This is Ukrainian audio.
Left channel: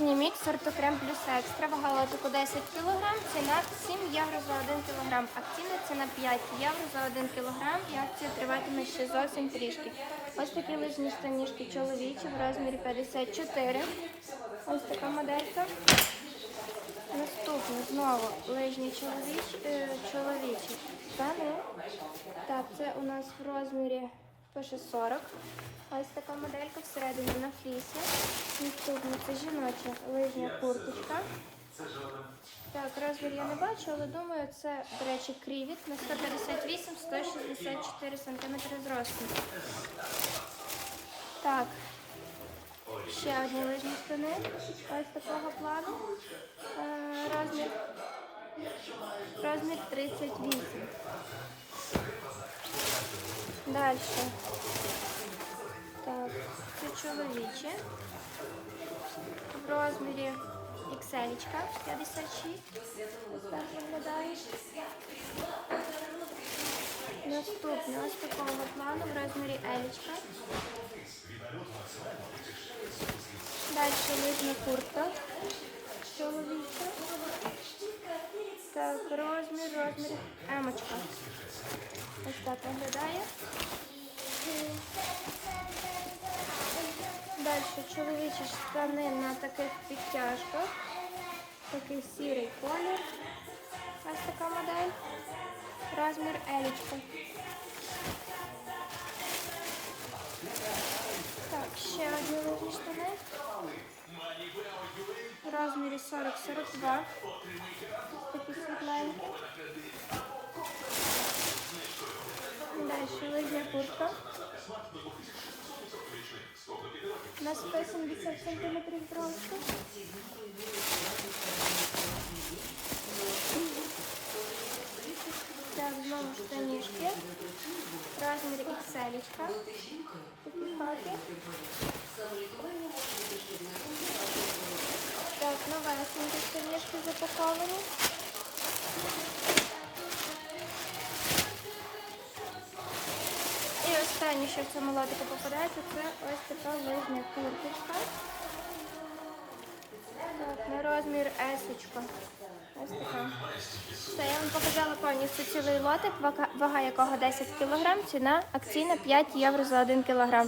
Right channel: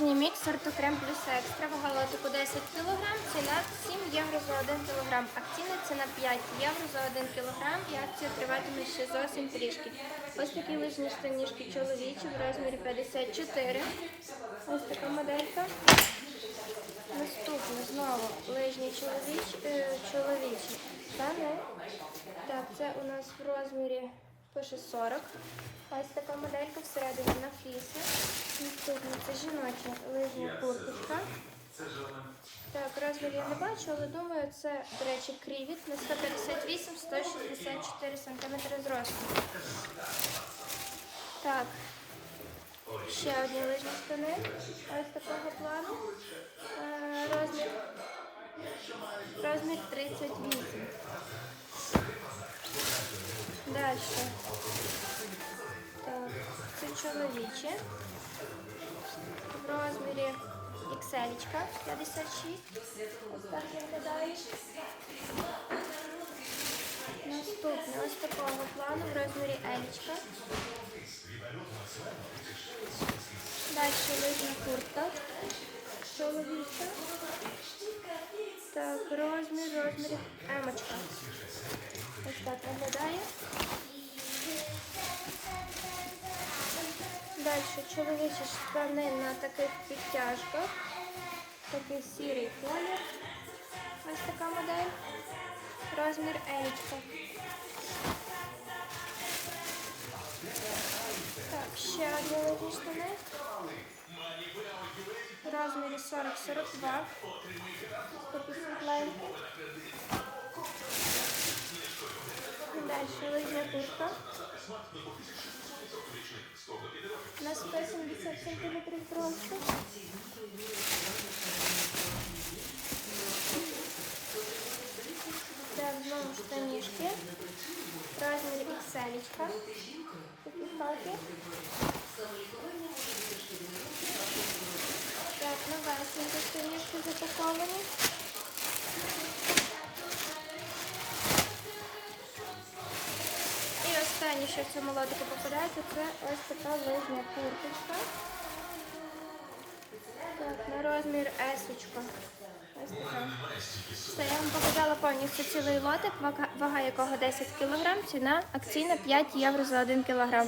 Мікс сортокрем плюс екстра, вага лотику 10 кг, ціна 7 євро за 1 кг. Акційна ціна 5 євро за 1 кг і акція триватиме ще зовсім трішки. Ось такі лижні штанішки чоловічі в розмірі 54. Ось така моделька. Наступне знову лижні чоловічі, е, чоловічі штани. Так, це у нас в розмірі пише 40. Ось така моделька всередині на флісі. Наступна це жіноча лижня курточка. Так, розмір я не бачу, але думаю, це, до речі, крівіт на 158-164 см зросту. Так, ще одні лижні штани. Ось такого плану. Е, розмір, розмір 38. Далі. Так, це чоловічі. В розмірі XL 56. Ось так виглядає. Наступне ось такого плану в розмірі Елічка. Далі лижна куртка. Чоловіча. Так, розмір, розмір емочка. Ось так виглядає. Далі чоловічі штани на таких підтяжках. Такий сірий колір. Ось така модель. Розмір елічка. Так, ще одні лижні штани. В розмірі 40-42. Ось такі світленькі. Далі лижня куртка. На 170 см зросту. Так, знову штанішки. Розмір XL. Такі хаки. Так, новесенькі штанішки запаковані. Що в цьому попадається, це ось така лижня курточка. Так, на розмір есочка. Ось така. Все, я вам показала повністю цілий лотик, вага якого 10 кг, ціна акційна 5 євро за 1 кг.